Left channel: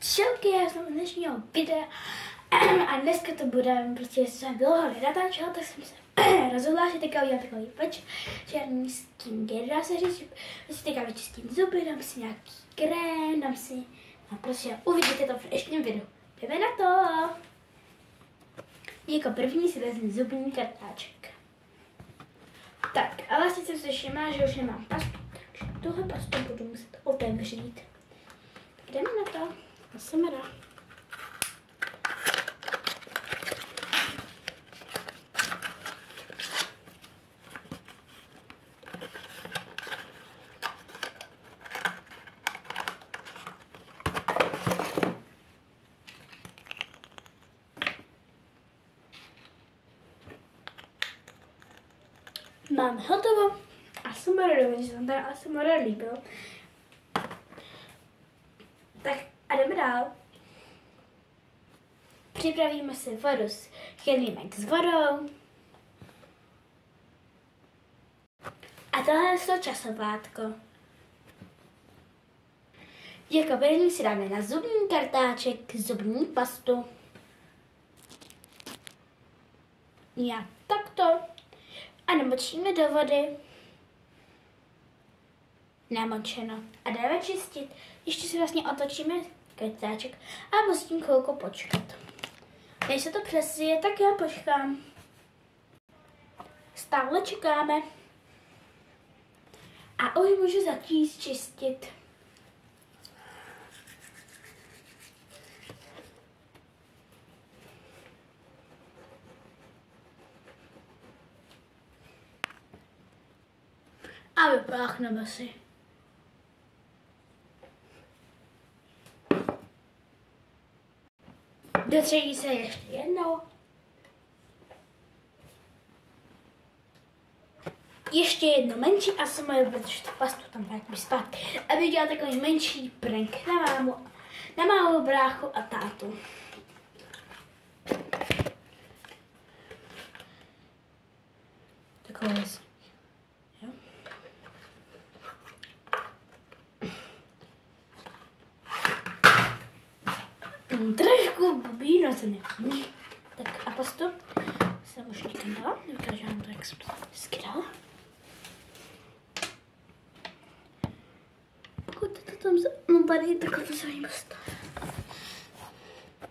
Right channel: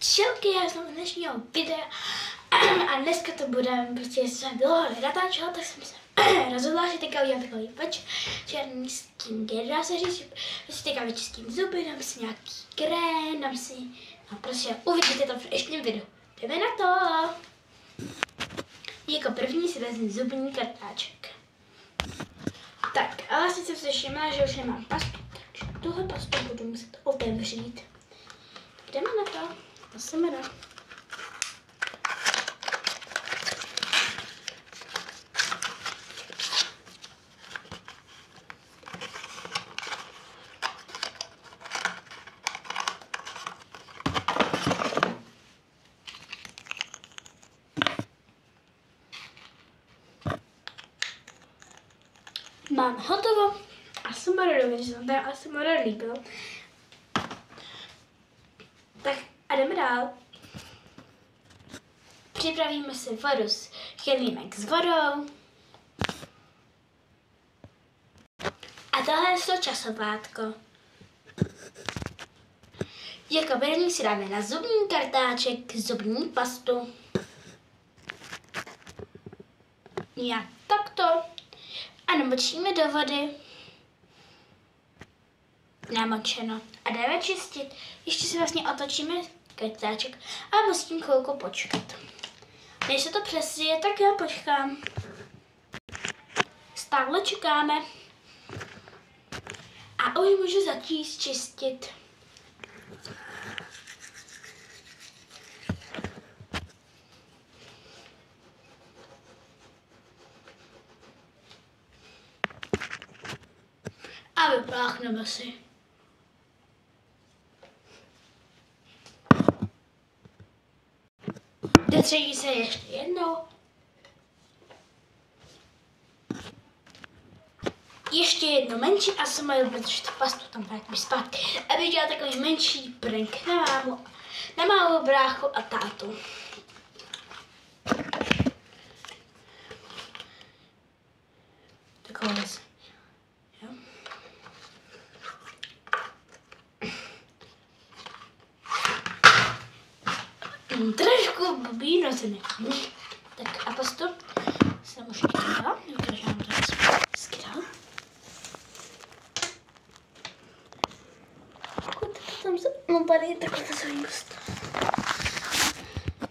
Čauky, já jsem z dnešního videa a dneska to bude, prostě jsem dlouho nenatáčela, tak jsem se rozhodla, že teďka udělám takový večerní skincare, dá se říct, že si teďka vyčistím zuby, dám si nějaký krém, dám si, a prostě uvidíte to v dnešním videu. Jdeme na to! Jako první si vezmu zubní kartáček. Tak, a vlastně jsem se všimla, že už nemám pastu, takže tuhle pastu budu muset otevřít. Jdeme na to. Musíme do. Máme hotovo. Asi bude dobrý, že se vám asi bude líbilo. Tak a jdeme dál. Připravíme si vodu s chemímek s vodou. A tohle je to časovátko. Jako první si dáme na zubní kartáček zubní pastu. Jak takto. A namočíme do vody. Namočeno. A jdeme čistit. Ještě si vlastně otočíme kartáček a musím chvilku počkat. Než se to přesije, tak já počkám. Stále čekáme. A už můžu začít čistit. A vypláchneme si. Dotřejí se ještě jednou. Ještě jedno menší a jsem protože tu pastu tam vrátím zpátky. Aby dělal takový menší prank na mámu, na malou bráchu a tátu. Takové věc. Trošku blbý, no se mi. Tak a postup jsem už někam takže nám to skydal. Tam se tady takhle to se mi postavím.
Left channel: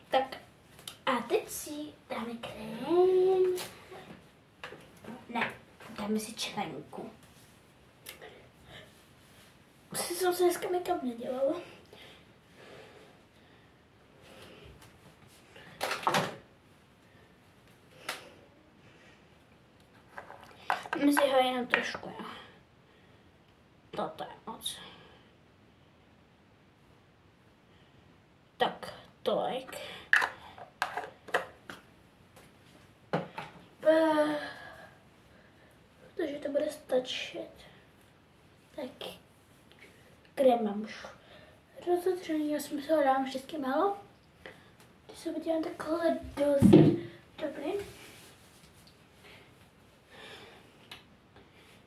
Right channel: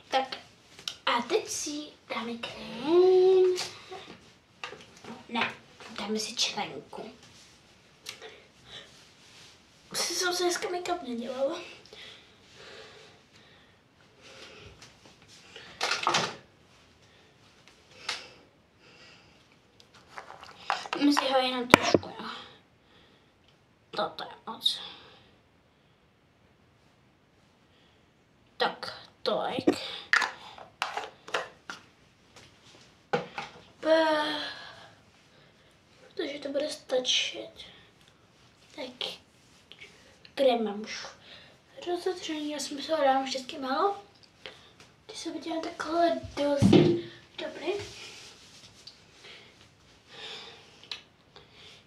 Tak a teď si dáme krém. Ne, dáme si členku. Jsem se dneska make-up nedělala. Dáme si ho jenom trošku, jo. Toto je moc. Tak, tolik. Protože to bude stačit. Tak, krém mám už rozotřený, já jsem se ho dám vždycky málo. Když se udělám takhle dost dobrý.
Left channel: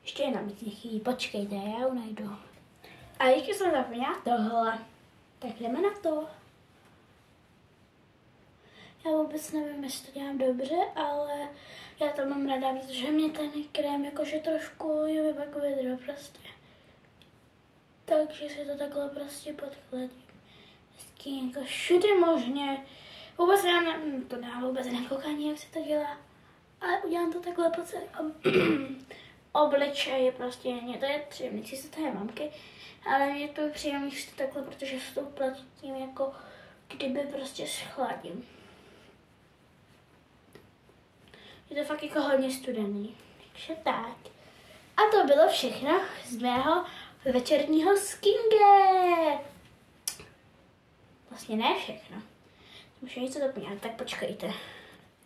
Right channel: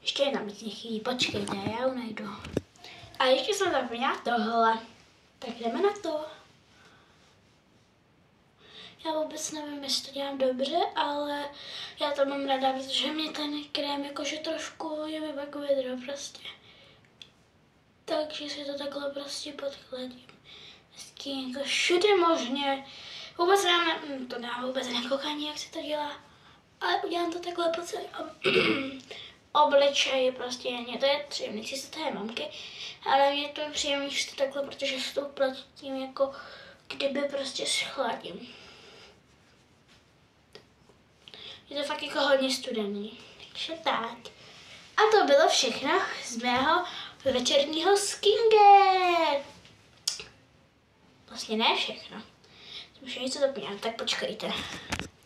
Ještě jedna mi chybí, počkejte, já ho najdu. A ještě jsem zapomněla tohle. Tak jdeme na to. Já vůbec nevím, jestli to dělám dobře, ale já to mám ráda, protože mě ten krém jakože trošku je mi pak vydro prostě. Takže si to takhle prostě podkladím. Hezky jako všude možně. Vůbec nevím, to nemám vůbec nekoukání, jak se to dělá. Ale udělám to takhle po celém obličeji prostě. Mně to je příjemný, si to je mamky, ale mě to je příjemný, že to takhle, protože se to uplatím jako kdyby prostě schladím. Je to fakt jako hodně studený. Takže tak. A to bylo všechno z mého večerního skincare. Vlastně ne všechno. Jsem už něco zapomněla, tak počkejte.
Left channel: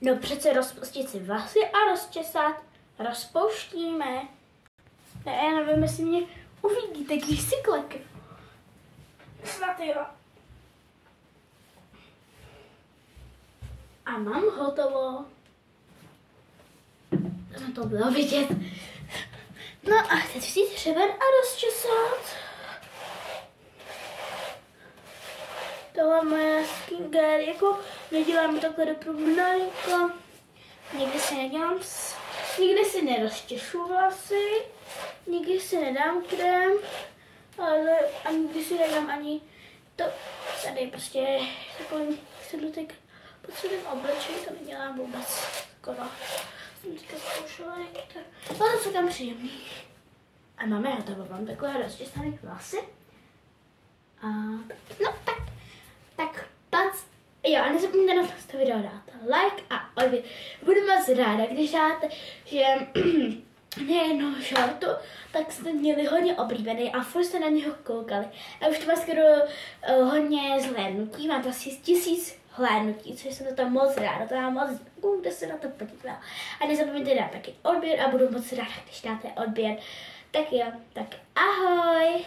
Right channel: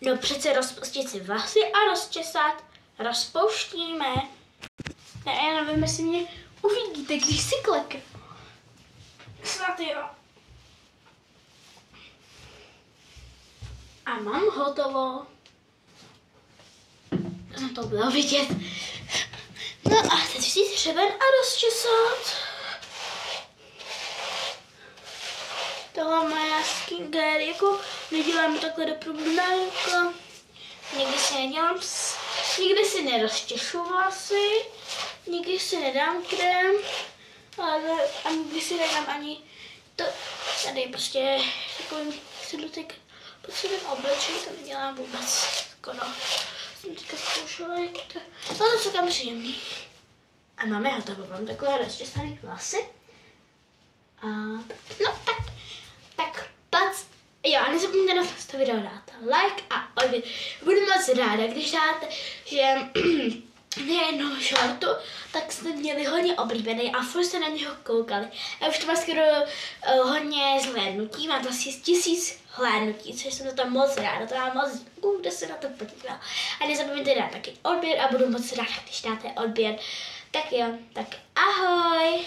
No přece rozpustit si vlasy a rozčesat. Rozpouštíme. Já nevím, jestli mě uvidíte, když si kleknu. Snad jo. A mám hotovo. To bylo vidět. No a teď vzít hřeben a rozčesat. To tohle moje skincare, jako nedělám takhle do průběžka, někdy si nedělám, nikdy si nerozčešu vlasy, nikdy si nedám krém, ale ani nikdy si nedám ani to, tady je prostě takový sedlutek pod celým obličej, to nedělám vůbec skoro. Jsem teďka zkoušela, jak to, no to jsou tam příjemný. A máme hotovo, mám takové rozčesané vlasy. A no tak pac. Jo, a nezapomeňte na to video dát like a odběr. Budu moc ráda, když dáte, že nejenom shortu, tak jste měli hodně oblíbený a furt jste na něho koukali. A už to má skoro hodně zhlédnutí, má to asi 1000 hlédnutí, což jsem za to moc ráda, to mám moc děkuju, kdo se na to podíval. A nezapomeňte dát taky odběr a budu moc ráda, když dáte odběr. Tak jo, tak ahoj!